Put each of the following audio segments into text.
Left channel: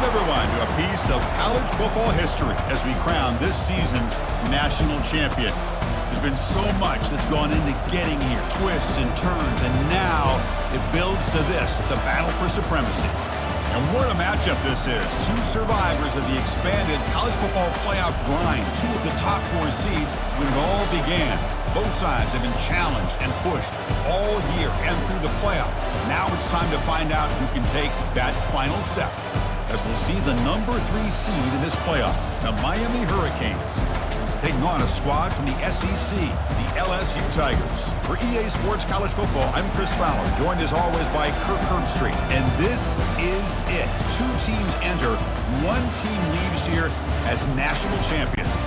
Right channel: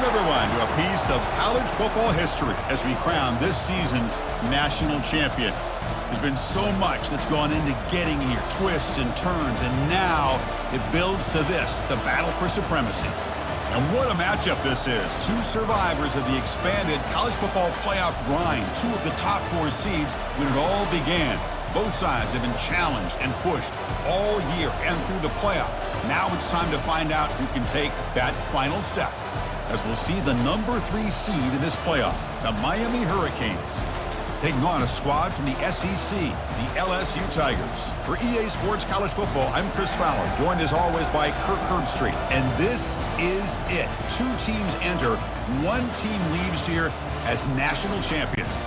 Welcome, everyone, to a piece of college football history as we crown this season's national champion. There's been so much that's gone into getting here, twists and turns, and now it builds to this, the battle for supremacy. And what a matchup this is. Two survivors of the expanded college football playoff grind, two of the top four seeds when it all began. Both sides have been challenged and pushed all year and through the playoff. Now it's time to find out who can take that final step, as we'll see the number 3 seed in this playoff, the Miami Hurricanes, taking on a squad from the SEC, the LSU Tigers. For EA Sports College Football, I'm Chris Fowler, joined as always by Kirk Herbstreit. And this is it. 2 teams enter, 1 team leaves here as national champions.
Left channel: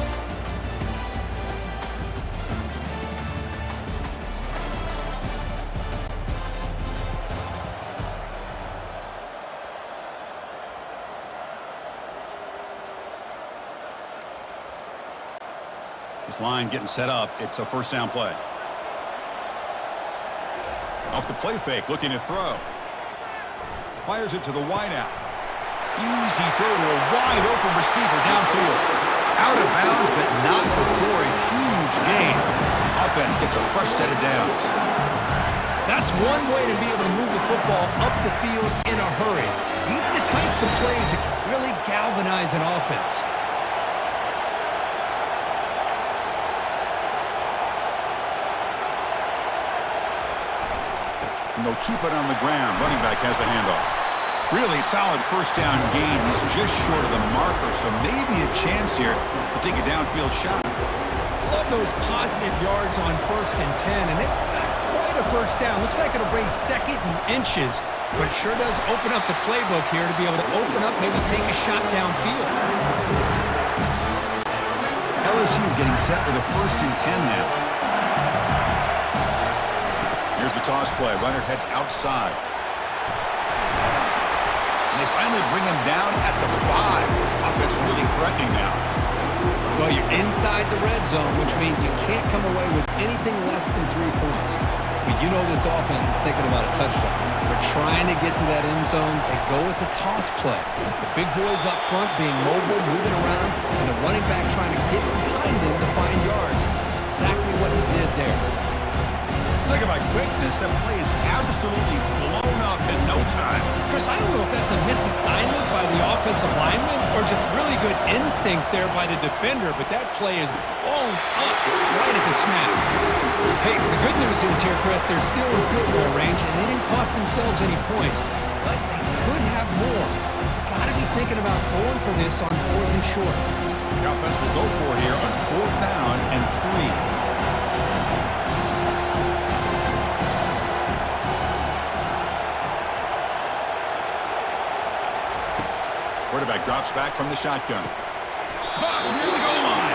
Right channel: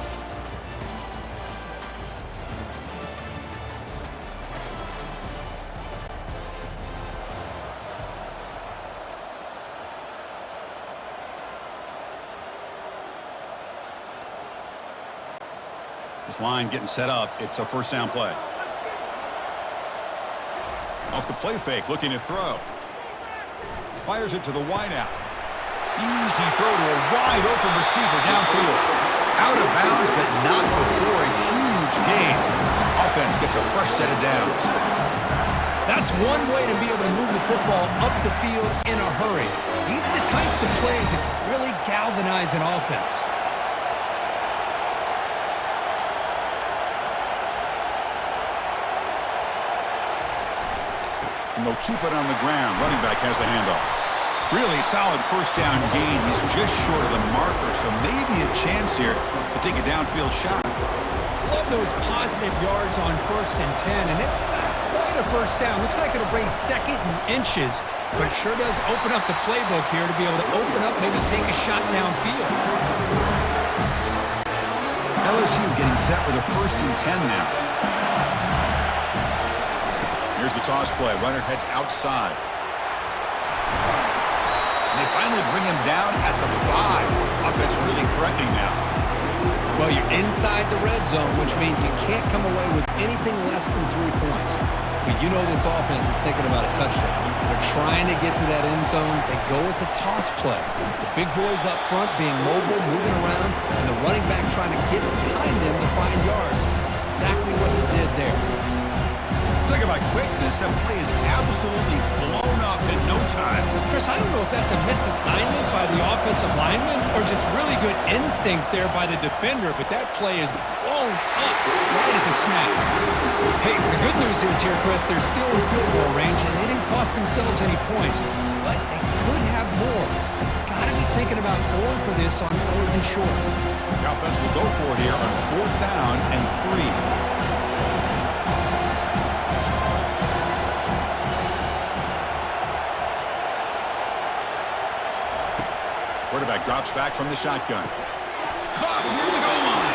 This line getting set up. It's a first down play. Off the play fake, looking to throw. Fires it to the wideout. Easy throw to a wide open receiver downfield. Out of bounds, but not before a huge gain. Offense gets a fresh set of downs. That's one way to be able to move the football up the field in a hurry. These are the types of plays that can really galvanize an offense. And they'll keep it on the ground. Running back has the handoff. Really solid first down gain. He's just short of the marker, so maybe a chance here to take a downfield shot. Love those positive yards on 1st and 10, and it's not quite a first down. Looks like it'll bring 2nd and inches, but it sure does open up the playbook here to be able to open up, maybe take a shot downfield. LSU getting set with a 1st and 10 now. Here's the toss play. Runner heads outside. And they finally bring him down at the 5. Offense really threatening now. Well, you're inside the red zone, which means you can't come away with anything less than 3 points. But you know this offense is thinking about a touchdown. They're trying to get to that end zone. They go with the toss play. The big boys up front being mobile, moving around, and the running back trying to get behind him to find yards. That's exactly what he did there. Talk about quickness. That play is absolutely blown up in no time. Chris, I don't know if that's a misassignment by the offensive lineman or just really good instincts there by the defender, but that play is blown up right at the snap. Hey, the good news is here, Chris, they're still in field goal range, and they didn't cost themselves any points, but they could have more. You've got to be thinking about going for this on 4th and short. The offense will go for here on 4th down and 3. Quarterback drops back from the shotgun. Caught near the goal line.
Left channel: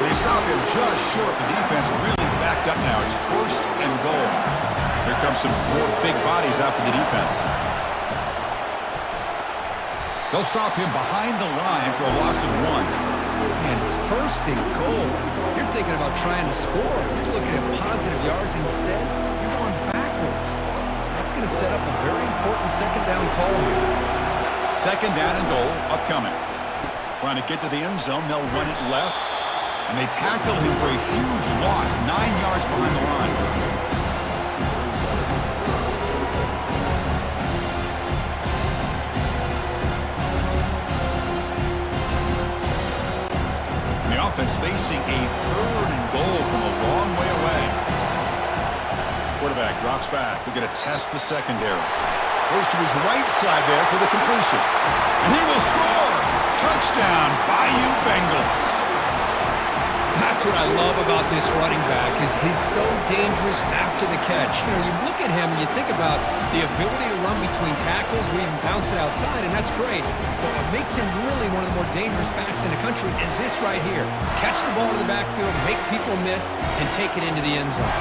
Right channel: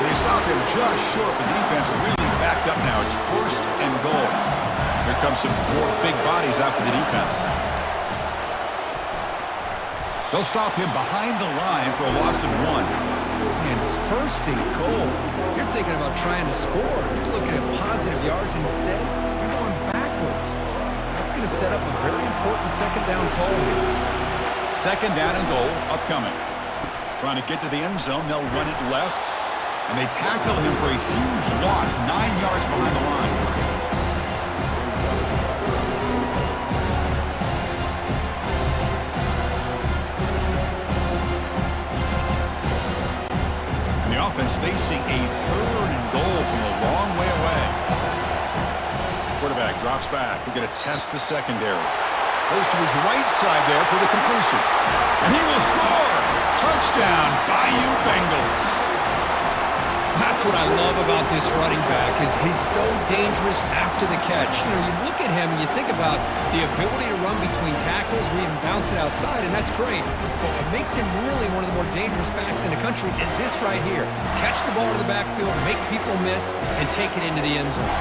They stop him just short. The defense really backed up now. It's 1st and goal. Here comes some more big bodies after the defense. They'll stop him behind the line for a loss of 1. Man, it's 1st and goal. You're thinking about trying to score. You're looking at positive yards instead. You're going backwards. That's going to set up a very important 2nd down call here. 2nd down and goal upcoming. Trying to get to the end zone. They'll run it left. And they tackle him for a huge loss. 9 yards behind the line. And the offense facing a 3rd and goal from a long way away. Quarterback drops back. We're going to test the secondary. Goes to his right side there for the completion. And he will score! Touchdown, Bayou Bengals. That's what I love about this running back is he's so dangerous after the catch. You know, you look at him and you think about the ability to run between tackles or even bounce it outside, and that's great. But what makes him really one of the more dangerous backs in the country is this right here. Catch the ball to the backfield, make people miss, and take it into the end zone.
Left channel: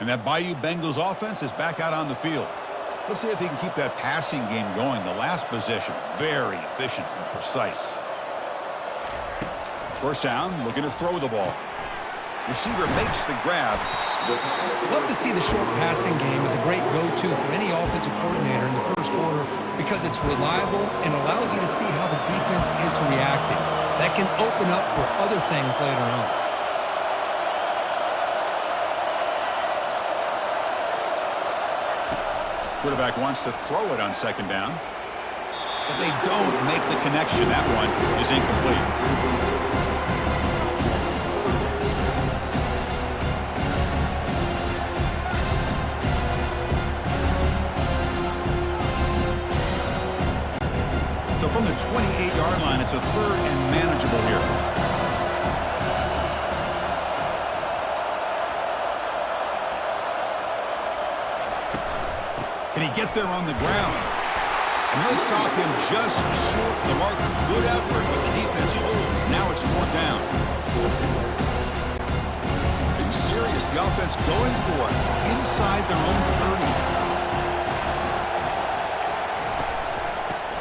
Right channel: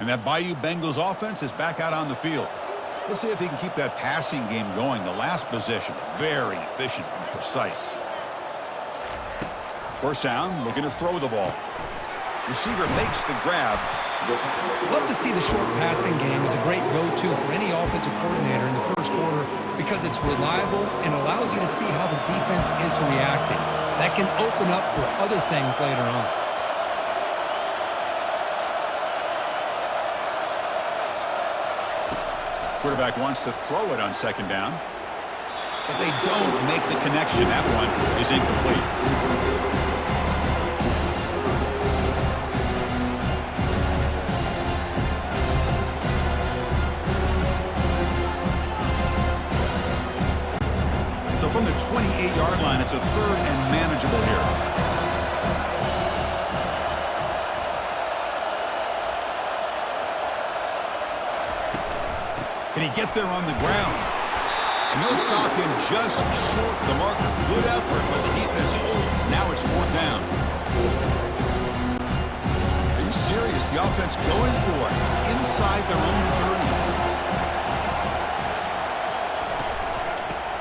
And that Bayou Bengals offense is back out on the field. Let's see if they can keep that passing game going. The last possession, very efficient and precise. First down, looking to throw the ball. Receiver makes the grab. Love to see the short passing game as a great go-to for any offensive coordinator in the first quarter because it's reliable and allows you to see how the defense is reacting. That can open up for other things later on. Quarterback wants to throw it on second down, but they don't make the connection. That one is incomplete. So from the 28-yard line, it's a third and manageable here. Can he get there on the ground? And they'll stop him just short of the marker. Good effort, but the defense holds. Now it's fourth down. Are you serious? The offense going for it inside their own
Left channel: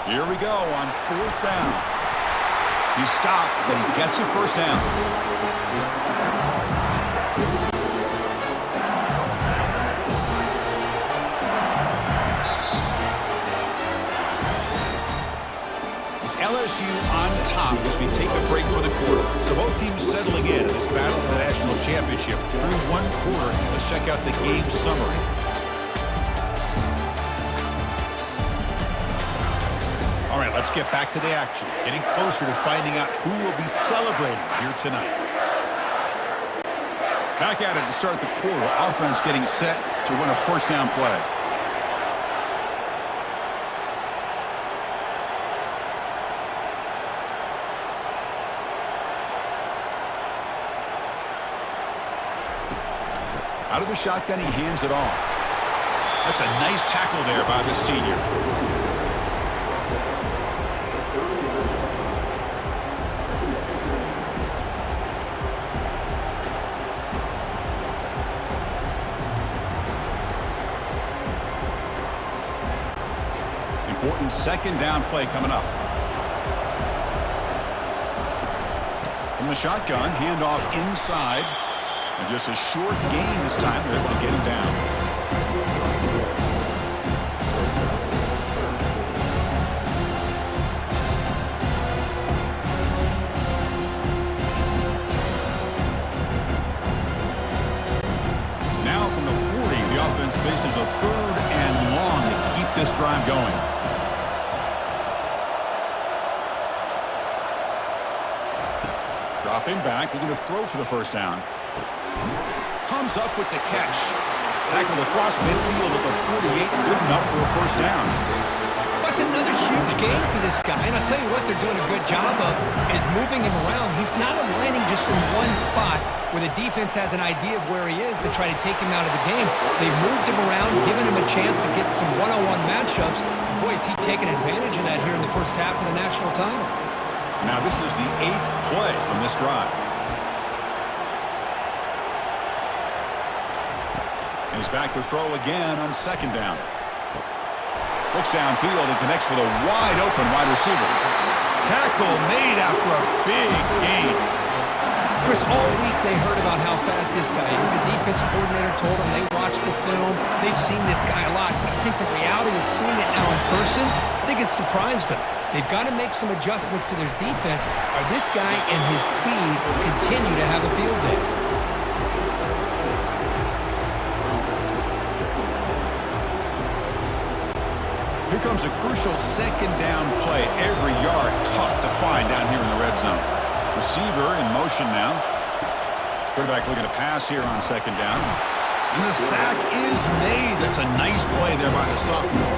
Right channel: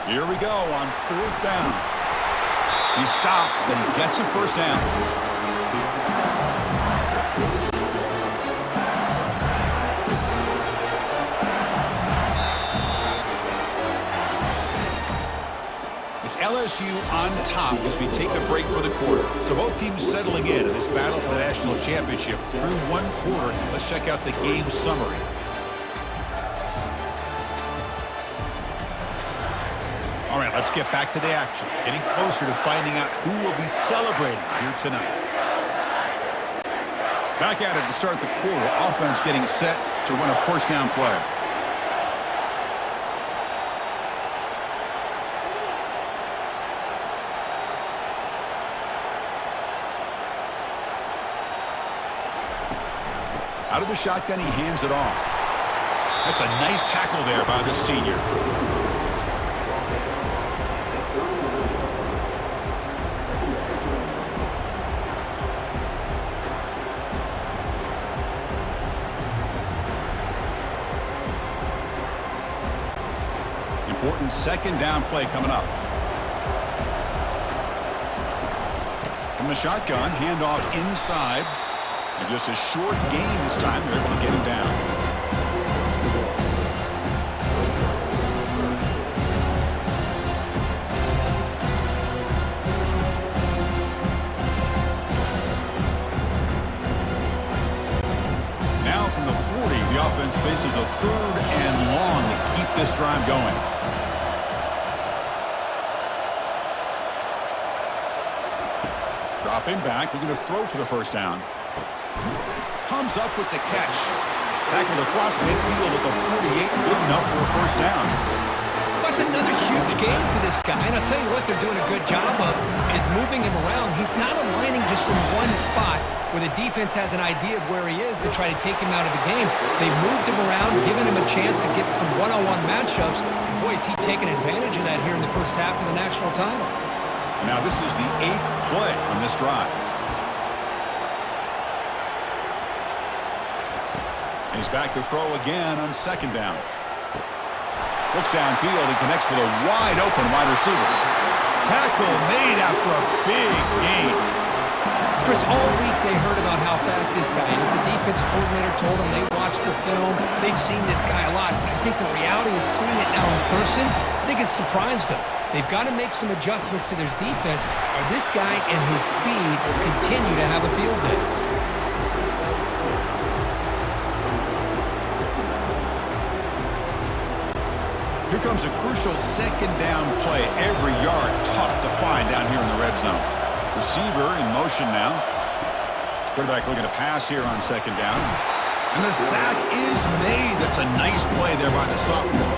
30. Here we go on fourth down. He stopped, but he gets a first down. It's LSU on top as we take a break for the quarter. So both teams settling in this battle for the national championship. Through one quarter, let's check out the game summary. All right, let's get back to the action. Getting closer to finding out who will be celebrating here tonight. Back at it to start the quarter. Offense getting set to run a first down play. Out of the shotgun, he hands it off. That's a nice tackle there by the senior. Important second down play coming up. From the shotgun, handoff inside. And just a short gain this time. They're able to get him down. Now from the 40, the offense faces a third and long to keep this drive going. Dropping back, looking to throw for the first down. Comes up with the catch. Tackled across midfield at the 48. Good enough for a first down. That's another huge game for this guy. And I'll tell you what they're doing a good job of is moving him around. He's not aligning just in one spot where the defense has an idea of where he is to try to take him out of the game. They've moved him around, given him a chance to get some one-on-one matchups. And boy, is he taking advantage of that here in the first half of the national title. Now this is the 8th play on this drive. And he's back to throw again on second down. Looks downfield and connects with a wide-open wide receiver. Tackle made after a big gain. Chris, all week they heard about how fast this guy is. The defensive coordinator told them they watched the film. They've seen this guy a lot. But I think the reality is seeing it now in person, I think it's surprised them. They've got to make some adjustments to their defense, or this guy and his speed will continue to have a field day. Here comes a crucial second down play. Every yard tough to find down here in the red zone. Receiver in motion now. Quarterback looking to pass here on second down. And the sack is made. That's a nice play there by the sophomore.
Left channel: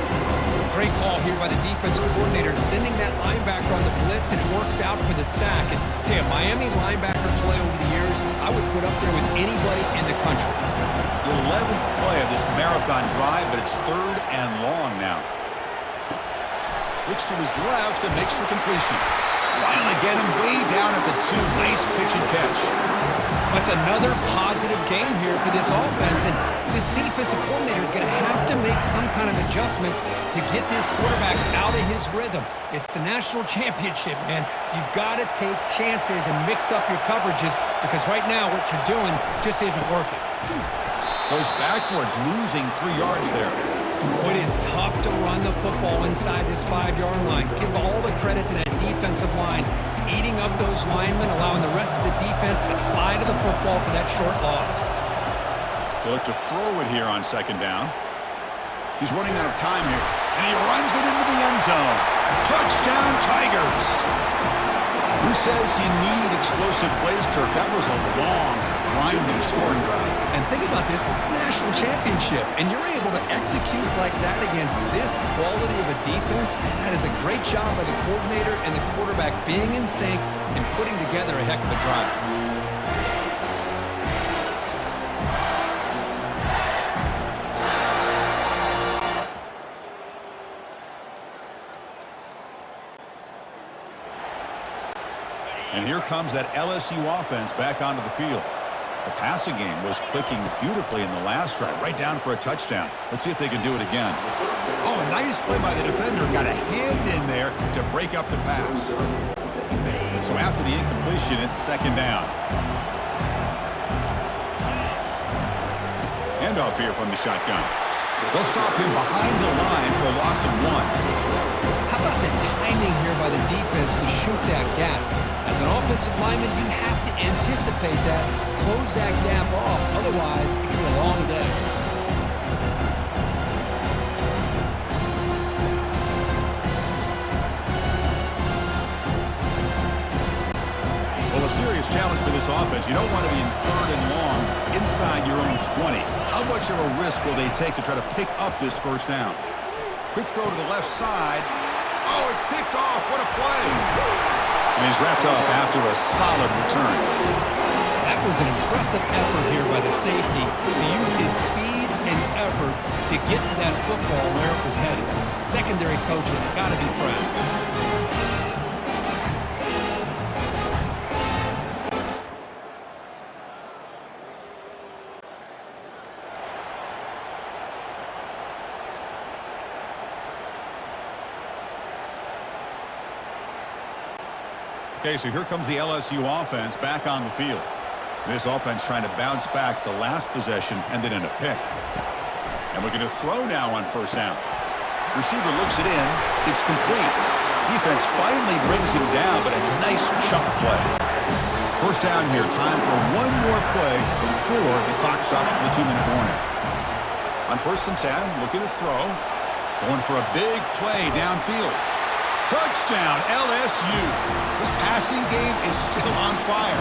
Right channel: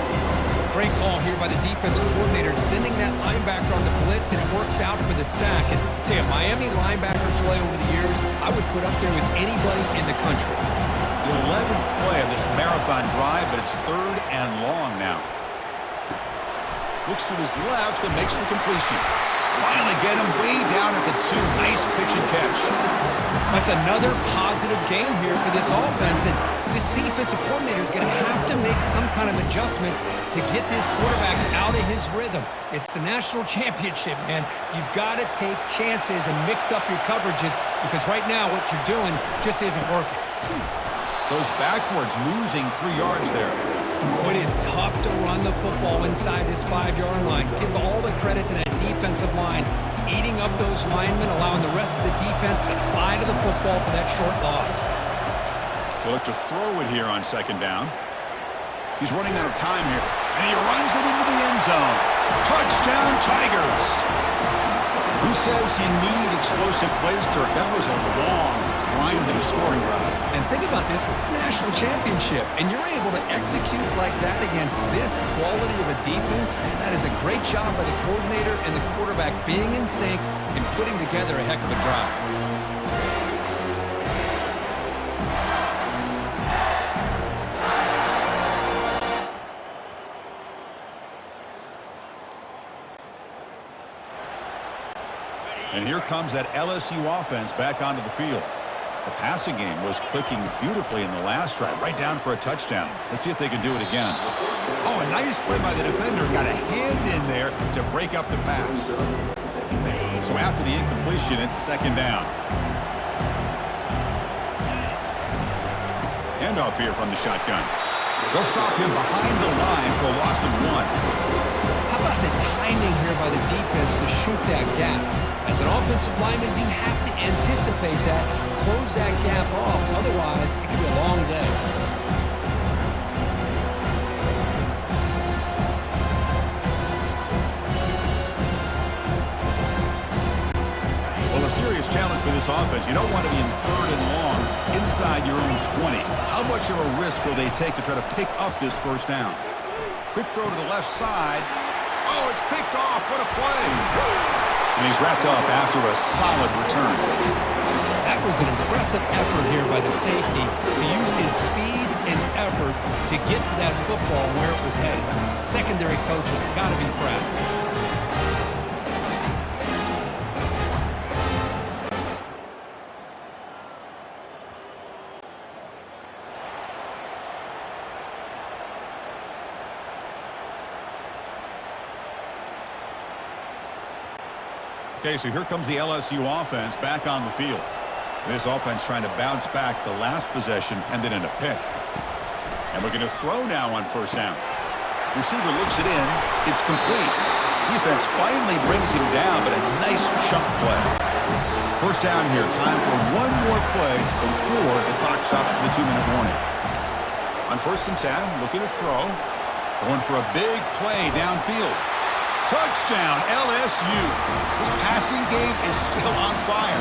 Great call here by the defensive coordinator, sending that linebacker on the blitz, and it works out for the sack. And tell you, Miami linebacker play over the years, I would put up there with anybody in the country. The 11th play of this marathon drive, but it's third and long now. Looks to his left and makes the completion. Finally get him way down at the 2. Nice pitch and catch. That's another positive game here for this offense, and this defensive coordinator is going to have to make some kind of adjustments to get this quarterback out of his rhythm. It's the national championship, man. You've got to take chances and mix up your coverages because right now what you're doing just isn't working. Goes backwards, losing 3 yards there. It is tough to run the football inside this 5-yard line. Give all the credit to that defensive line, eating up those linemen, allowing the rest of the defense to fly to the football for that short loss. They look to throw it here on second down. He's running out of time here, and he runs it into the end zone. Touchdown, Tigers! Who says you need explosive plays, Kirk? That was a long, grinding scoring drive. And think about this is the national championship, and you're able to execute like that against this quality of a defense, man, that is a great job by the coordinator and the quarterback being in sync and putting together a heck of a drive. And here comes that LSU offense back onto the field. The passing game was clicking beautifully in the last drive, right down for a touchdown. Let's see if they can do it again. Oh, a nice play by the defender. Got a hand in there to break up the pass. So after the incompletion, it's second down. Handoff here from the shotgun. They'll stop him behind the line for a loss of 1. How about the timing here by the defense to shoot that gap? As an offensive lineman, you have to anticipate that, close that gap off. Otherwise, it could be a long day. Well, a serious challenge for this offense. You don't want to be in 3rd and long inside your own 20. How much of a risk will they take to try to pick up this first down? Quick throw to the left side. Oh, it's picked off. What a play. And he's wrapped up after a solid return. That was an impressive effort here by the safety to use his speed and effort to get to that football where it was headed. Secondary coaches got to be proud. Okay, so here comes the LSU offense back on the field. This offense trying to bounce back the last possession and then in a pick. And we're going to throw now on first down. Receiver looks it in. It's complete. Defense finally brings him down, but a nice chunk play. First down here. Time for one more play before the clock stops for the 2-minute warning. On 1st and 10, looking to throw. Going for a big play downfield. Touchdown, LSU. This passing game is still on fire.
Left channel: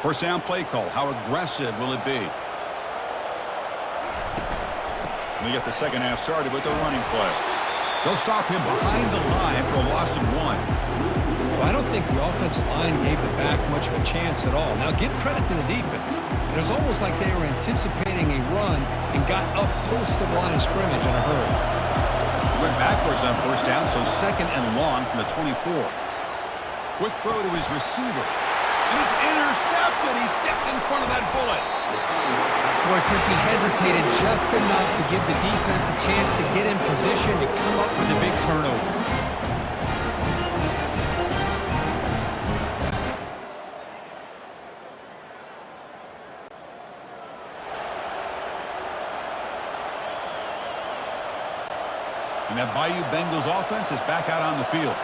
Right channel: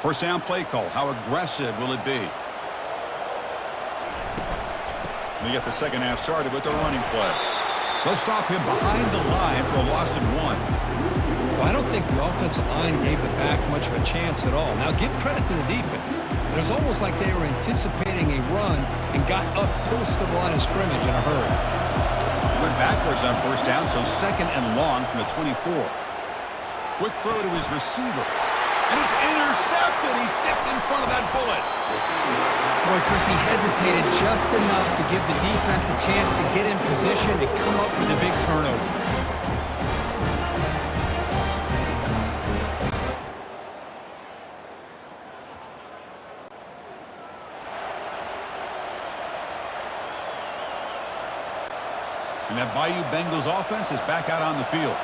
First down play call. How aggressive will it be? We get the second half started with the running play. They'll stop him behind the line for a loss of 1. Well, I don't think the offensive line gave the back much of a chance at all. Now, give credit to the defense. It was almost like they were anticipating a run and got up close to the line of scrimmage in a hurry. He went backwards on first down, so second and long from the 24. Quick throw to his receiver. And it's intercepted. He stepped in front of that bullet. Boy, Chris, he hesitated just enough to give the defense a chance to get in position and come up with a big turnover. And that Bayou Bengals offense is back out on the field.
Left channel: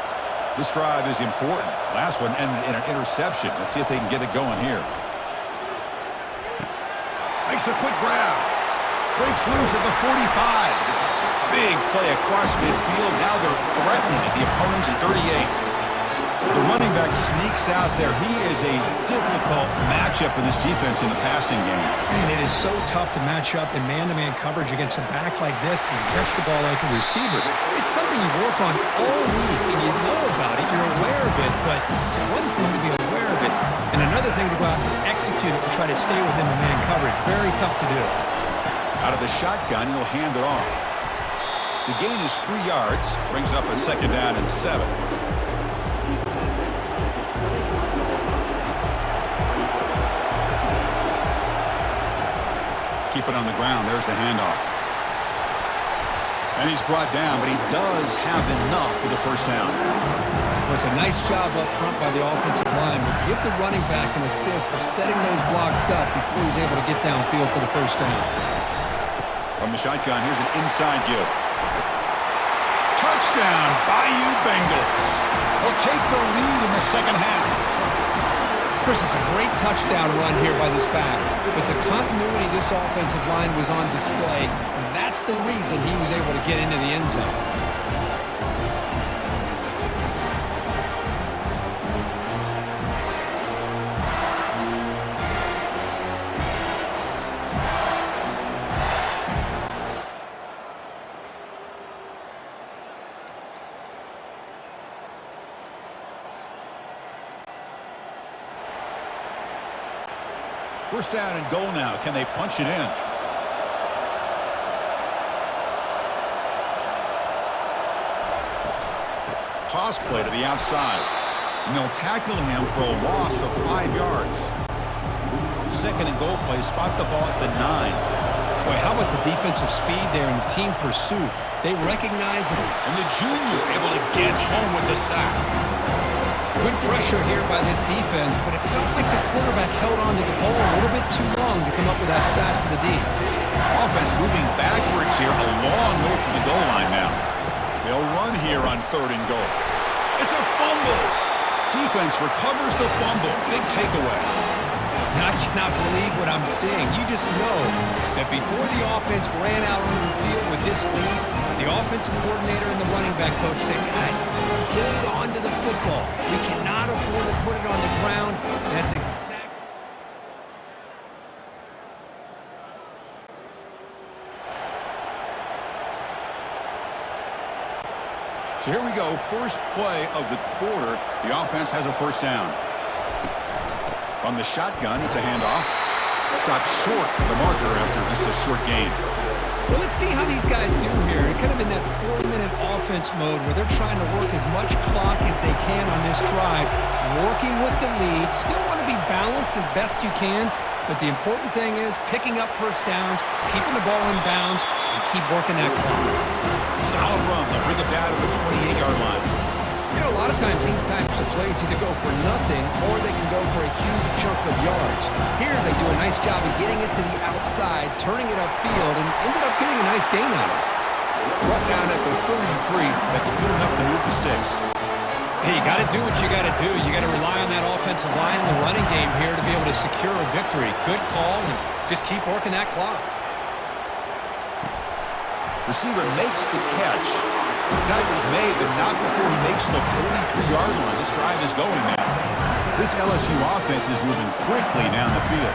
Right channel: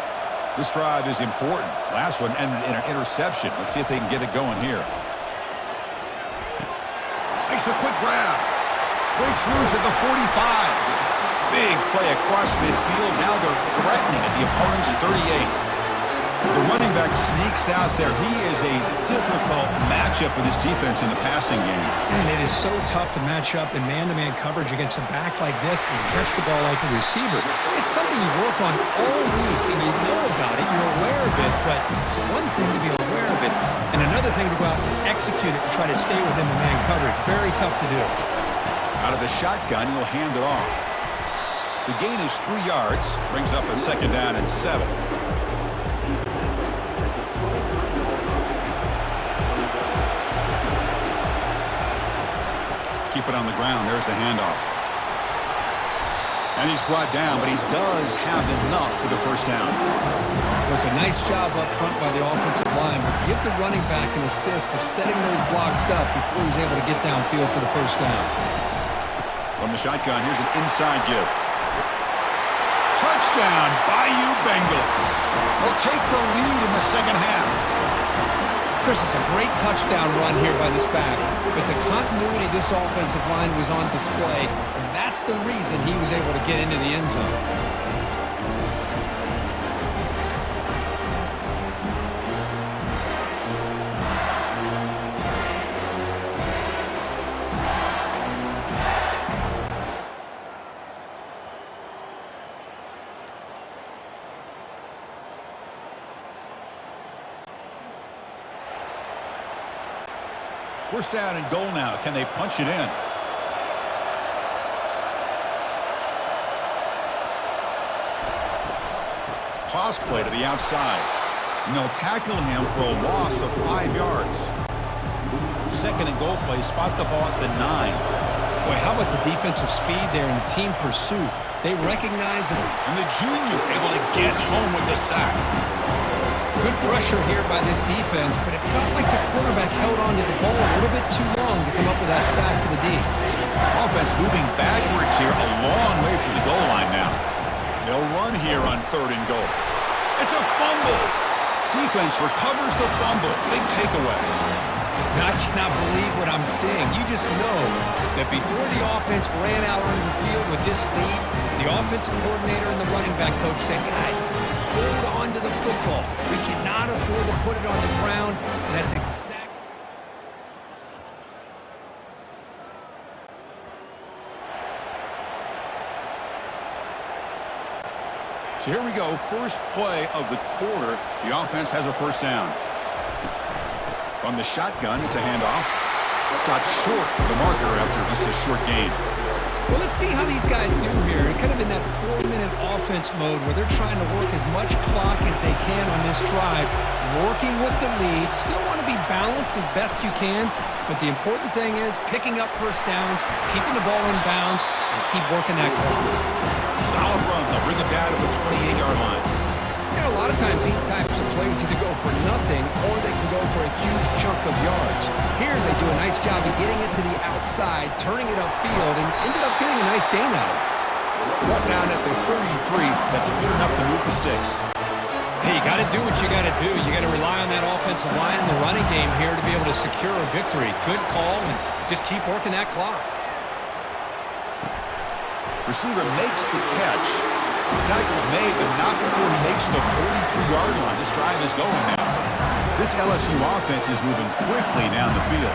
This drive is important. Last one ended in an interception. Let's see if they can get it going here. Makes a quick grab. Breaks loose at the 45. Big play across midfield. Now they're threatening at the opponent's 38. The running back sneaks out there. He is a difficult matchup for this defense in the passing game. And it is so tough to match up in man-to-man coverage against a back like this and catch the ball like a receiver. It's something you work on all week, and you know about it. You're aware of it, but it's one thing to be aware of it, and another thing to go out and execute it and try to stay within the man coverage. Very tough to do. Out of the shotgun, he'll hand it off. The gain is 3 yards, brings up a 2nd down and 7. Keep it on the ground. There's the handoff. And he's brought down, but he does have enough for the first down. It was a nice job up front by the offensive line, but give the running back an assist for setting those blocks up before he's able to get downfield for the first down. From the shotgun, here's an inside give. Touchdown, Bayou Bengals. They'll take the lead in the second half. Chris, it's a great touchdown run here by this back, but the continuity of this offensive line was on display, and that's the reason he was able to get into the end zone. First down and goal now. Can they punch it in? Toss play to the outside. And they'll tackle him for a loss of 5 yards. 2nd and goal play. Spot the ball at the 9. Boy, how about the defensive speed there and the team pursuit? They recognize it. And the junior able to get home with the sack. Good pressure here by this defense, but it felt like the quarterback held on to the ball a little bit too long to come up with that sack for the D. Offense moving backwards here, a long way from the goal line now. They'll run here on 3rd and goal. It's a fumble. Defense recovers the fumble. Big takeaway. Now, I cannot believe what I'm seeing. You just know that before the offense ran out onto the field with this lead, the offensive coordinator and the running back coach said, guys, hold on to the football. We cannot afford to put it on the ground, and that's exactly. So here we go, first play of the quarter. The offense has a first down. From the shotgun, it's a handoff. Stopped short of the marker after just a short gain. Well, let's see how these guys do here. They're kind of in that 4-minute offense mode where they're trying to work as much clock as they can on this drive, working with the lead. Still want to be balanced as best you can, but the important thing is picking up first downs, keeping the ball in bounds, and keep working that clock. Solid run. They'll bring it down to the 28-yard line. You know, a lot of times these types of plays either go for nothing or they can go for a huge chunk of yards. Here they do a nice job of getting it to the outside, turning it upfield, and ended up getting a nice gain out of it. Brought down at the 33. That's good enough to move the sticks. Hey, you got to do what you got to do. You got to rely on that offensive line and the running game here to be able to secure a victory. Good call, and just keep working that clock. Receiver makes the catch. Tackles made, but not before he makes the 43-yard line. This drive is going now. This LSU offense is moving quickly down the field.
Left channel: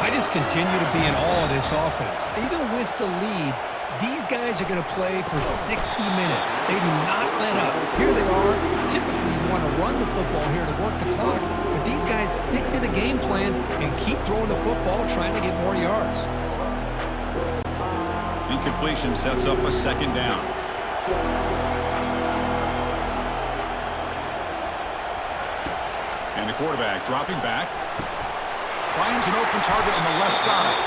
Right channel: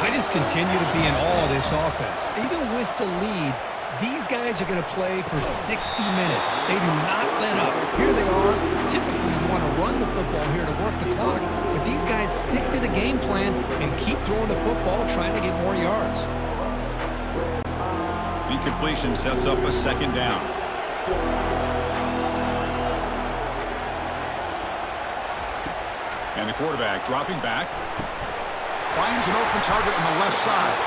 I just continue to be in awe of this offense. Even with the lead, these guys are going to play for 60 minutes. They do not let up. Here they are. Typically, you want to run the football here to work the clock, but these guys stick to the game plan and keep throwing the football, trying to get more yards. Incompletion sets up a 2nd down. And the quarterback dropping back. Finds an open target on the left side.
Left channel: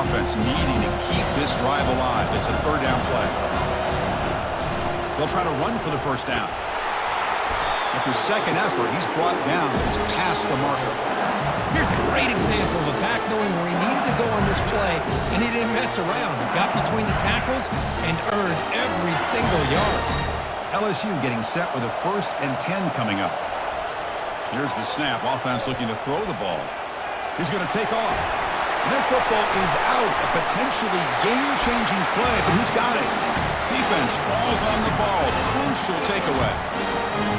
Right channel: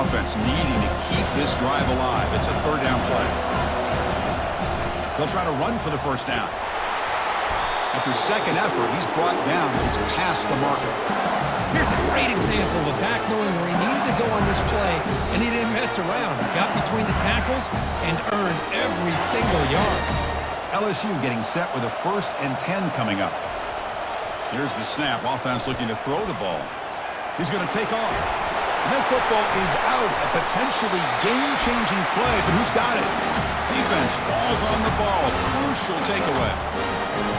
Offense needing to keep this drive alive. It's a 3rd down play. They'll try to run for the first down. After second effort, he's brought down. It's past the marker. Here's a great example of a back knowing where he needed to go on this play, and he didn't mess around. He got between the tackles and earned every single yard. LSU getting set with a 1st and 10 coming up. Here's the snap. Offense looking to throw the ball. He's going to take off. And that football is out. A potentially game-changing play, but who's got it? Defense falls on the ball. Crucial takeaway.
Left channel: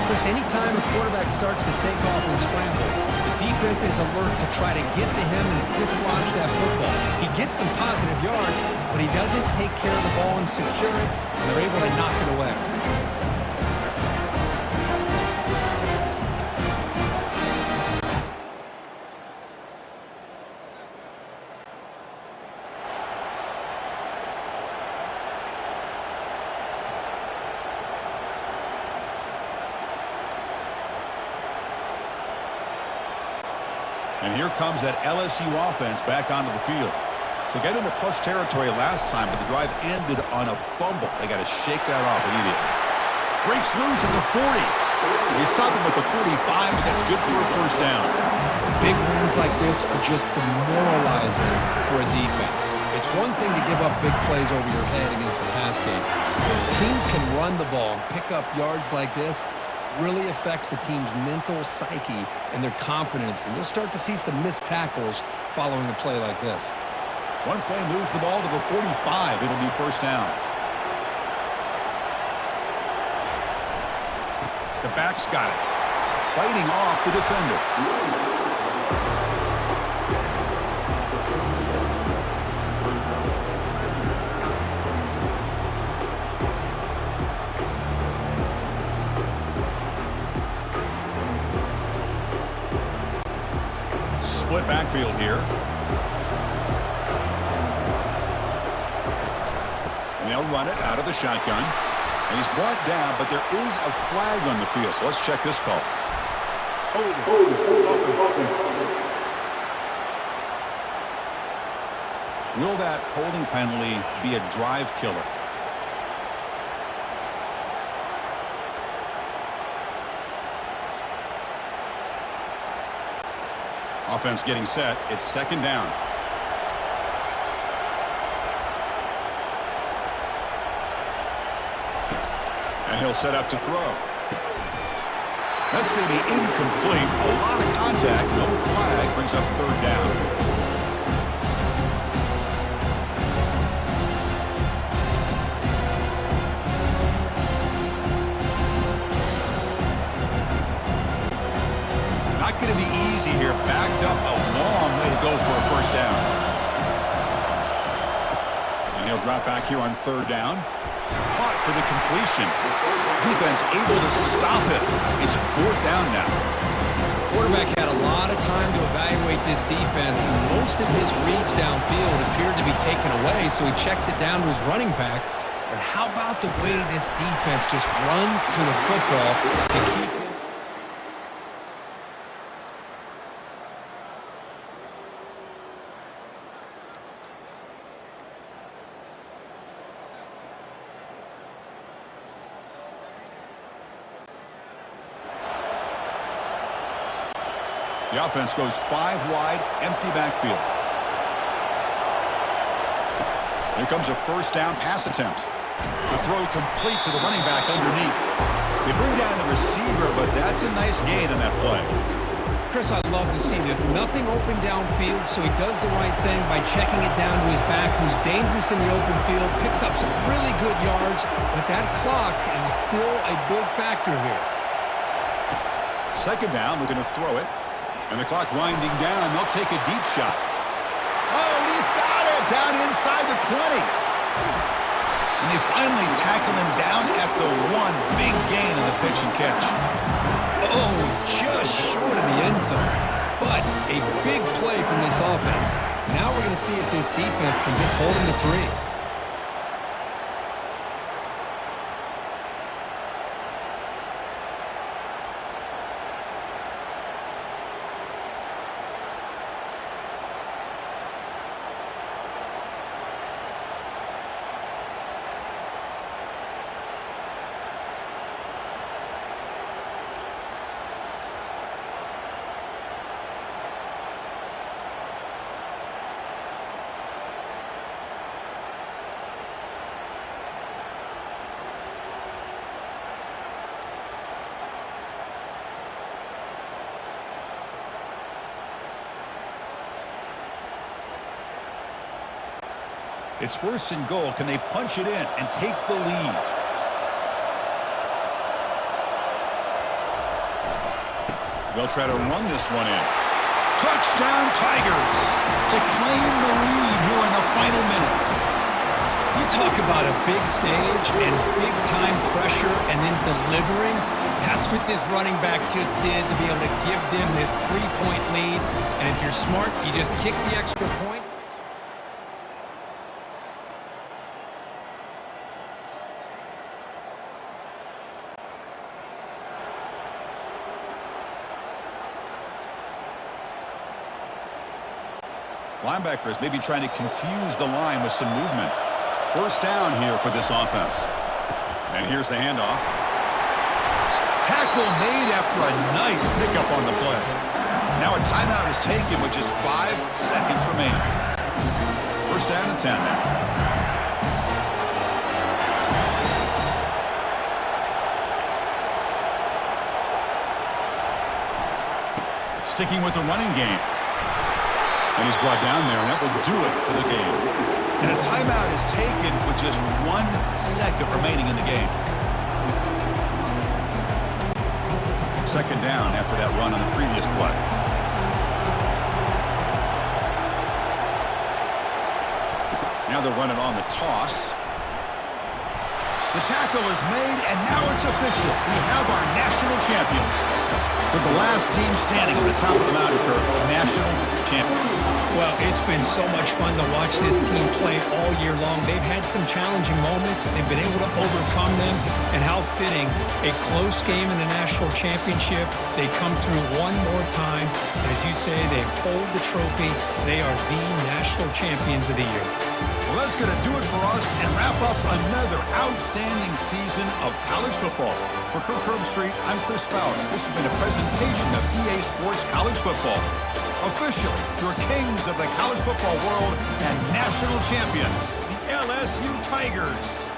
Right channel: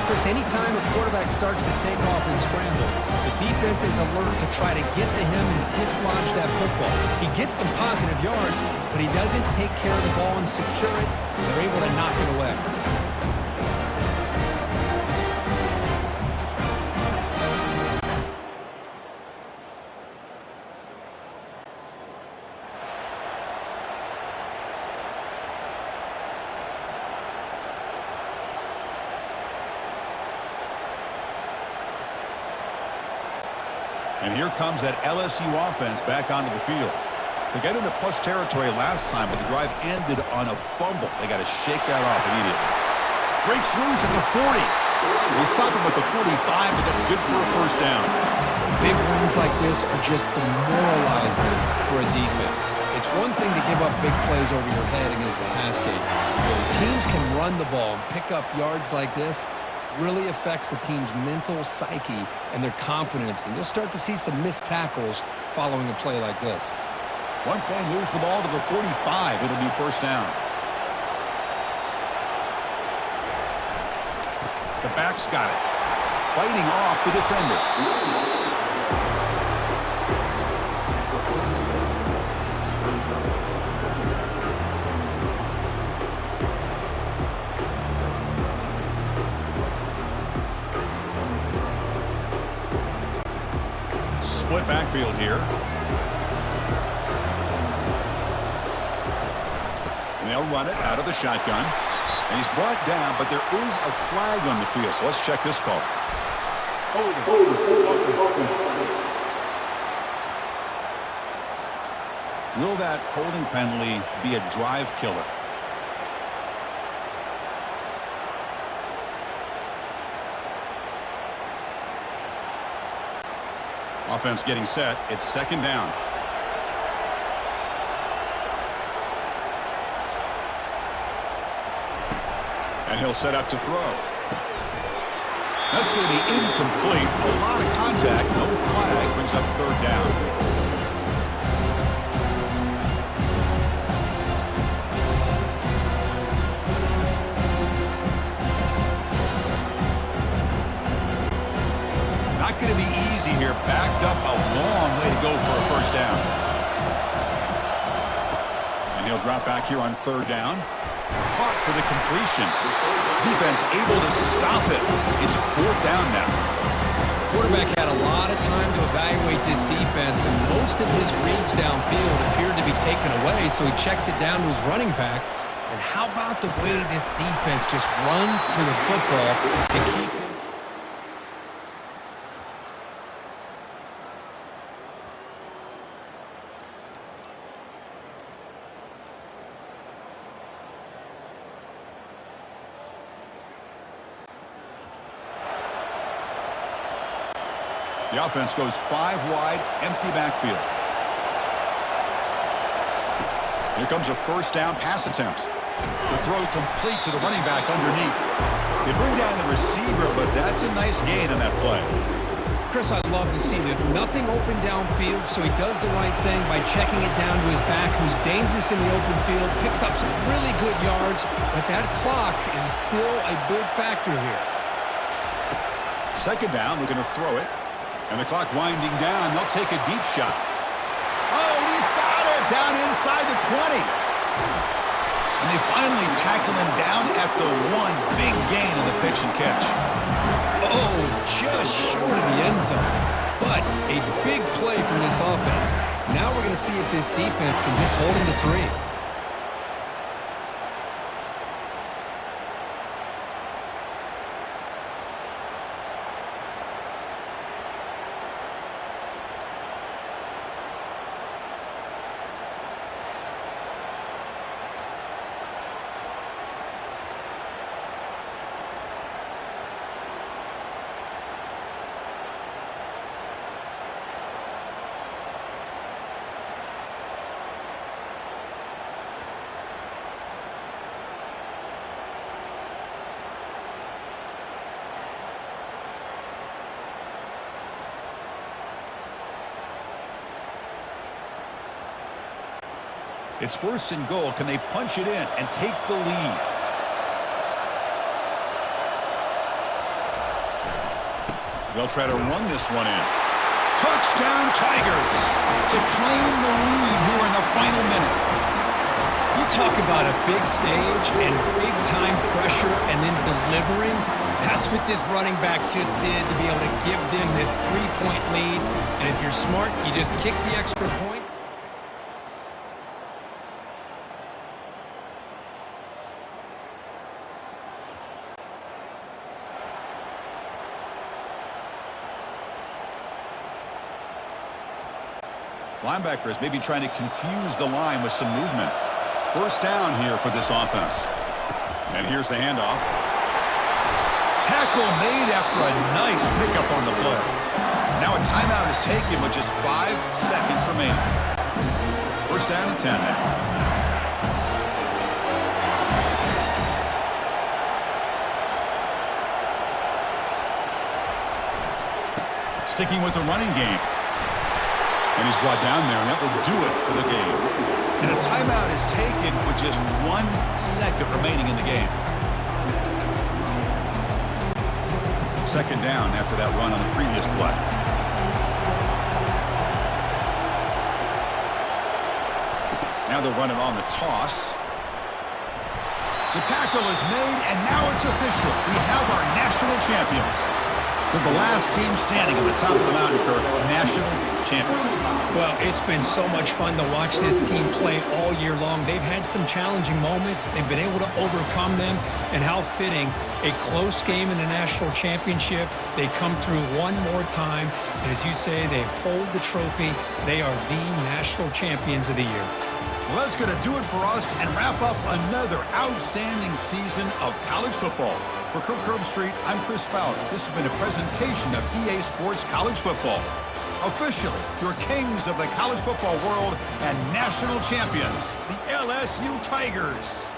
Chris, anytime a quarterback starts to take off and scramble, the defense is alert to try to get to him and dislodge that football. He gets some positive yards, but he doesn't take care of the ball and secure it, and they're able to knock it away. And here comes that LSU offense back onto the field. They got into plus territory last time, but the drive ended on a fumble. They got to shake that off immediately. Breaks loose at the 40. They stop him at the 45, but that's good for a first down. Big runs like this are just demoralizing for a defense. It's one thing to give up big plays over your head against the pass game. When teams can run the ball and pick up yards like this, really affects the team's mental psyche and their confidence, and you'll start to see some missed tackles following a play like this. One play moves the ball to the 45. It'll be first down. The back's got it. Fighting off the defender. Split backfield here. And they'll run it out of the shotgun. And he's brought down, but there is a flag on the field. So let's check this call. Hold it. Will that holding penalty be a drive killer? Offense getting set. It's second down. And he'll set up to throw. That's going to be incomplete. A lot of contact. No flag. Brings up third down. Not going to be easy here. Backed up a long way to go for a first down. And he'll drop back here on third down. Caught for the completion. Defense able to stop it. It's fourth down now. Quarterback had a lot of time to evaluate this defense, and most of his reads downfield appeared to be taken away, so he checks it down to his running back. And how about the way this defense just runs to the football to keep him? The offense goes 5 wide, empty backfield. Here comes a first down pass attempt. The throw complete to the running back underneath. They bring down the receiver, but that's a nice gain on that play. Chris, I'd love to see this. Nothing open downfield, so he does the right thing by checking it down to his back, who's dangerous in the open field, picks up some really good yards, but that clock is still a big factor here. Second down, we're going to throw it. And the clock winding down. They'll take a deep shot. Oh, and he's got it down inside the 20. And they finally tackle him down at the 1. Big gain in the pitch and catch. Oh, just short of the end zone. But a big play from this offense. Now we're going to see if this defense can just hold him to 3. It's 1st and goal. Can they punch it in and take the lead? They'll try to run this one in. Touchdown Tigers to claim the lead here in the final minute. You talk about a big stage and big-time pressure and then delivering. That's what this running back just did to be able to give them this 3-point lead. And if you're smart, you just kick the extra point. Linebackers maybe trying to confuse the line with some movement. 1st down here for this offense. And here's the handoff. Tackle made after a nice pickup on the play. Now a timeout is taken with just 5 seconds remaining. 1st down and 10 now. Sticking with the running game. And he's brought down there, and that will do it for the game. And a timeout is taken with just 1 second remaining in the game. 2nd down after that run on the previous play. Now they'll run it on the toss. The tackle is made, and now it's official. We have our national champions. They're the last team standing at the top of the mountain, Kirk. National champions. Well, it's been so much fun to watch this team play all year long. They've had some challenging moments. They've been able to overcome them. And how fitting, a close game in the national championship. They come through one more time. And as you say, they hold the trophy. They are the national champions of the year. Well, that's going to do it for us and wrap up another outstanding season of college football. For Kirk Herbstreit, I'm Chris Fowler. This has been a presentation of EA Sports College Football. Officially, your kings of the college football world and national champions, the LSU Tigers.